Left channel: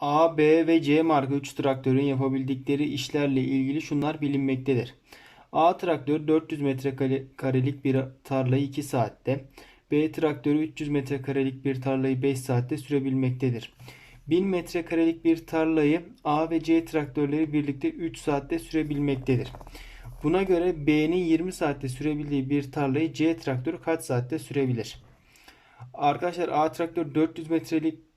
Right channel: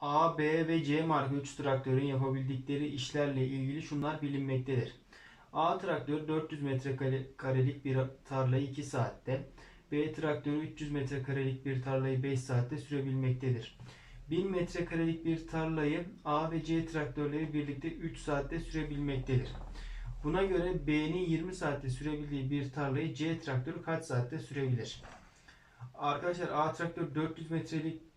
A, B ve C marka 3 traktörün yapabildikleri işlerle ilgili şunlar bilinmektedir. A traktör 400 metrekarelik bir tarlayı 2 saatte, B traktörü 300 metrekarelik bir tarlayı 5 saatte sürebilmektedir. 1000 metrekarelik bir tarlayı A ve C traktörleri birlikte 3 saatte sürebilmektedir. Buna göre B'nin 20 saatte sürebildiği bir tarlayı C traktörü kaç saatte sürebilir? Arkadaşlar A traktör 400 metrelik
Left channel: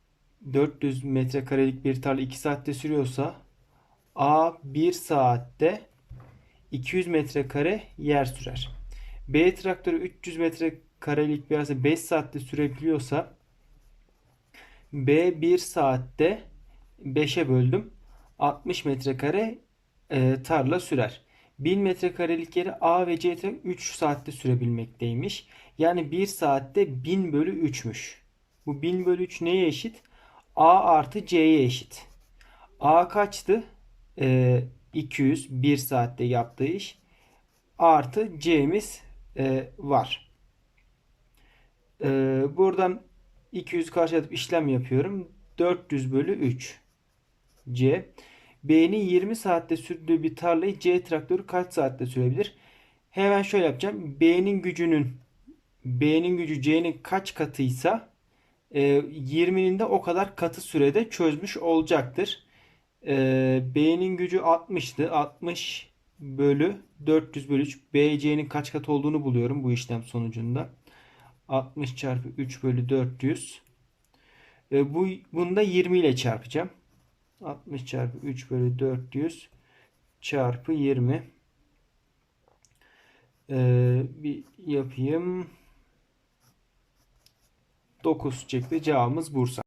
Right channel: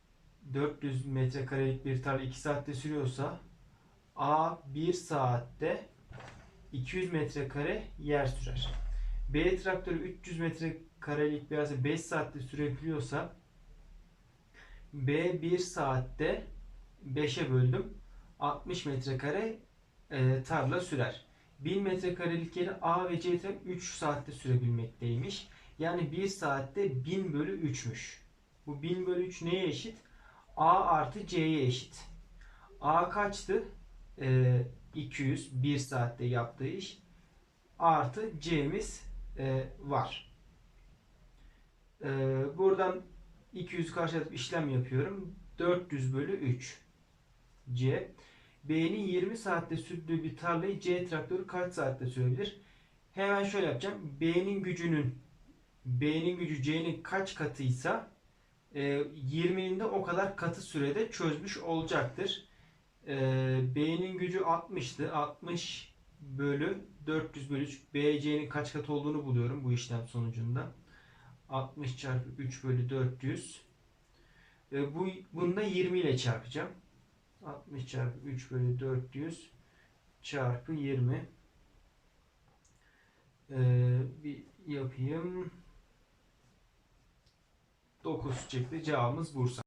400 metrekarelik bir tarla 2 saatte sürüyorsa A 1 saatte 200 metrekare yer sürer. B traktörü 300 metrekarelik bir arsa 5 saatte sürebiliyorsa B 1 saatte 5'e böldüm. 60 metrekare e, tarla sürer. 1000 metrekarelik yeri A ve C traktör 3 saatte sürebilmekteymiş. Yani 1 saatte 1000 bölü 3'müş. Bu 1000 bölü 3 neye eşit? A artı C'ye eşit. A kaçtı? Ee, 200 1 saatte yaptığı iş. Artı C'miz e, var. Ee, buradan 200 karşılatıp işlem yapıyorum. 400 bölü 3. C. B'nin 20 saatte sürdüğü bir tarlayı C traktörü kaç saatte sürebilir? Hemen şöyle yapacağım. B'nin gücünün B'nin gücü C'nin kaç katıysa e, 20'nin de o kadar katı sürede çözmüş olacaktır. E, B'nin gücü 60'tı. 60 bölü 400 bölü 3. BC'nin kaç kat olduğunu buluyorum bu işlem sonucunda. 60 çarpı 3 bölü 400. E, bu, bunu da 20 ile çarpacağım. 60 çarpı 3 bölü 400 çarpı 20. Ee, bir yapayım. 9 çıktı. Cevabımız Bursa.